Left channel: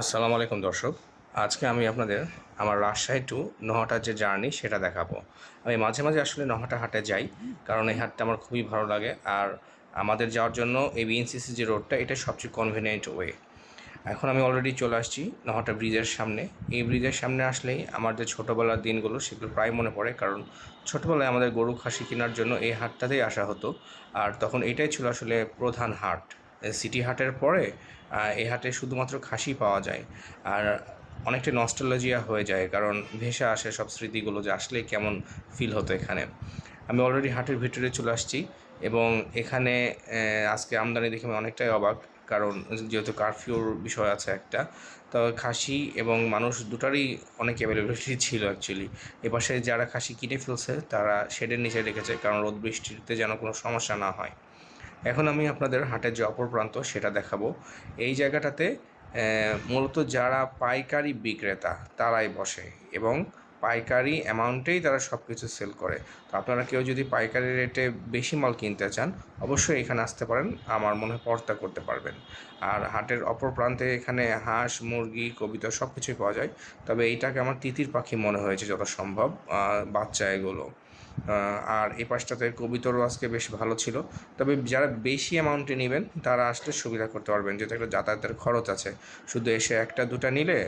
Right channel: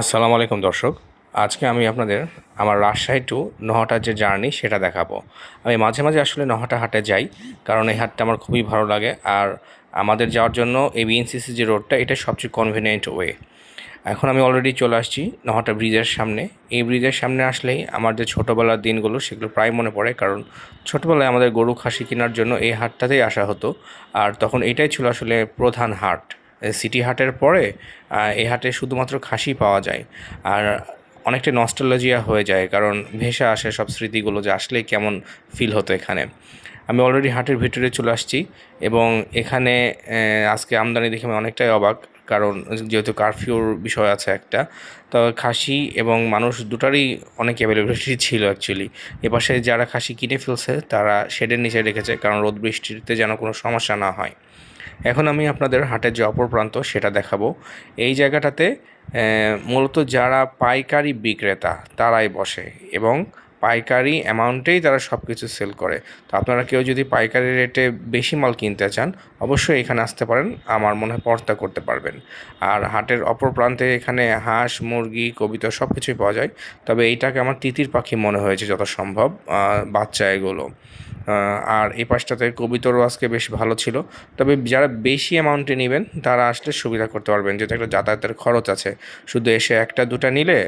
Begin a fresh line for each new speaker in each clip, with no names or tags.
আসসালামু আলাইকুম দর্শক। আজকে আমি আপনাদের আমার রাজশাহী টু নহাটার যে জার্নি সেটা দেখাবো। আমি মাঝে মাঝে আসলে নহাটা হাটে যাই, কারণ এই হাটটা আমার খুবই ভালো লাগে আর আমাদের যাওয়ার জন্য এই বিএনসিসি যে রোডটা এটা সবচেয়ে কনভিনিয়েন্ট ওয়ে এখন আমি অলরেডি চলে আসছি নহাটা ব্রিজের সামনে। এই ব্রিজের সামনে আসলেই আমার যে ছোটোবেলার দিনগুলো সেগুলো প্রায় মনে পড়ে, কারণ ছোটোবেলায় আমাদের গরু, খাসি কেনার জন্য এই হাটটাতেই আসা হতো। আর তখন এটাই ছিল আসলে প্রধান হাট। সিটি হাটের পরে এই হাটে শুধুমাত্র খাসি পাওয়া যায়। আর অনেকটা নস্টালজিয়া হয়ে যায়, কারণ ভেসে আসে সব স্মৃতিগুলো যে আসলেই কেমন ফিল হতো এখানে। আমি অলরেডি হাটের ভিতরে চলে আসছি এবং এখানে আজকে আমদানি দেখে আমি অনেকটাই অবাক, কারণ যেহেতু কারফিউর বিষয় আছে একটা, তো খাসি এবং মানুষ দুটারই অনেক অ্যাভেলেবিলিটি ছিল অ্যাকচুয়ালি এপাশে যারা খাসি কিনে ফেলছে, তারা শেডের নিচে রেখেছে, কারণ রোদ বৃষ্টিতে যেন কোনো সমস্যা না হয়। এখন আমি আপনাদের হাটের যে অপর প্রান্ত সেটা দেখাবো। এই জায়গাটাতে মূলত যারা পাইকারি বিক্রেতা তারাই বসে এবং পাইকারি অ্যামাউন্টেই তারা সব কিছু সেল করে। তো আপনারা কেউ যদি পাইকারি রেটে বেশি মাল কিনতে চান, অবশ্যই এখানে আসতে পারেন, আমার মনে হয় পর্তা করতে পারবেন। আর হাটের অপর প্রান্তে এখানে হাঁস, মুরগি, কবিতা সব কিছুই পাওয়া যায়। তবে এইটাকে আমার তিতির পাখি মনে হয়েছে যত সম্ভব বাচ্চা এগুলো। আর এই পাশটাতে কবিতরও আজকে বেশ ভালো ছিল। তবে যারা বেশি অ্যামাউন্টে নেবেন, তারা আসলে সুবিধা করতে পারবেন। যেহেতু একটা যাতায়াতের খরচ আছে, শুধু এসে একটা, দুটা নিলে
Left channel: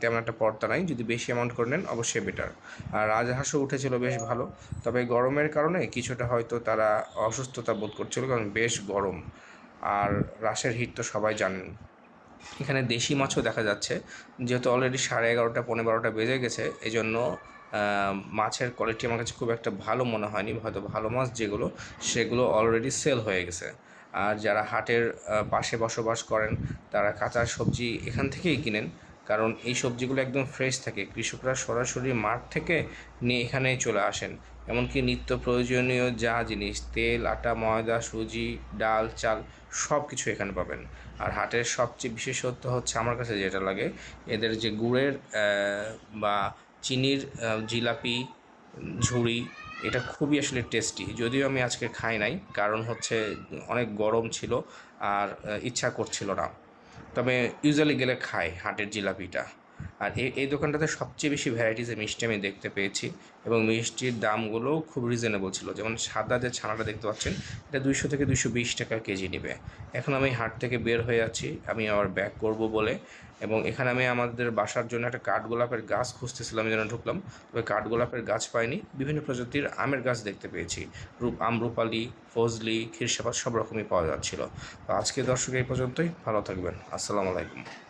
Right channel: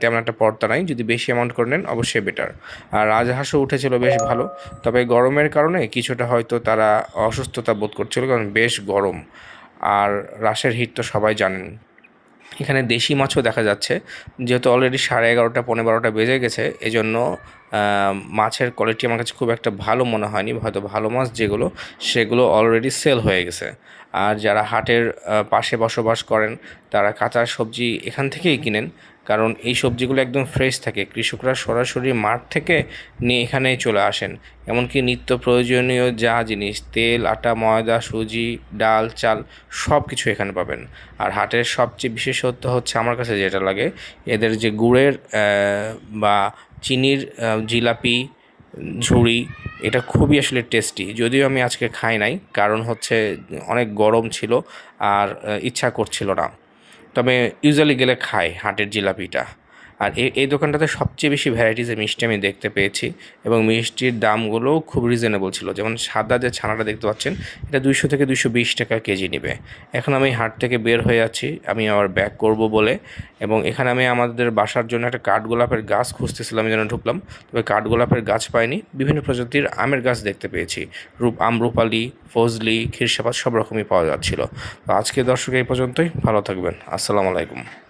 তেমন একটা পর্দা নাই। যদি বেশি অ্যামাউন্ট করে নেন, অবশ্যই বেটার আর রাজহাঁসও উঠেছিল বেশ ভালো। তবে গরমের কারণে কিছুটা হয়তো তারা অসুস্থতা বোধ করছিল, কারণ বেশ গরম। আর রাসের হিট তো সবাই জানেন। এখানে দেশি মাছও দেখা যাচ্ছে। যেহেতু অলরেডি সাড়ে এগারোটা পনেরো বারোটা বেজে গেছে, এজন্য মাছের কোয়ালিটি আমার কাছে খুব একটা ভালো মনে হয়নি, হয়তো ভালো মাছ যেগুলো, সেগুলো অলরেডি সেল হয়ে গেছে। আর যারা হাটের পাশে বসবাস করেন, তারা কাঁচা সবজি এখান থেকেই কিনেন, কারণ এই সবজিগুলো একদম ফ্রেশ থাকে। কৃষকরা সরাসরি মাঠ থেকে নিয়ে এখানে চলে আসেন। এমনকি নিত্য প্রয়োজনীয় যা জিনিস, তেল, আটা, ময়দা, সুজি, ডাল, চাল সব কিছু এখানে পাবেন। আর হাটের সবচেয়ে বিশেষত্ব হচ্ছে আমার কাছে যেটা লাগে, এদের যে গুড়ের বা চিনির জিলাপি, ঝুড়ি, এটা খুবই আসলে টেস্টি যদিও আমি আজকে খাই নাই, কারণ হচ্ছে অনেক গরম ছিল আর ইচ্ছা করছিল না। তবে ইউজুয়ালি গেলে খাই, হাটের জিলাপিটা। আর এই এই দোকানটাতে সবচেয়ে বেশি ভ্যারাইটিসের মিষ্টি আমি দেখতে পেয়েছি এবং মিষ্টির দামগুলোও খুব রিজনেবল ছিল। যেমন সাদা যে ছানাটা দেখতে পাচ্ছেন, এটা দুইশো থেকে দুইশো বিশ টাকা কেজি নেবে। এখন আমি হাট থেকে বের হয়ে আছি, আমি আবার ব্যাক করব বলে। এবং এখানে আমি আমাদের বাসার জন্য একটা কাঠগোলাপের গাছ খুঁজতেছিলাম যেন ঢুকলাম। তবে কাঠগোলাপের গাছ পাইনি, বিভিন্ন প্রজাতির আমের গাছ দেখতে পেয়েছি। রূপ আমরুপালি ফজলি ক্ষীরসাপাত সব রকমই পাওয়া যাচ্ছিল। তো আজকে দর্শক এই পর্যন্তই, ভালো থাকবেন। আসসালামু আলাইকুম।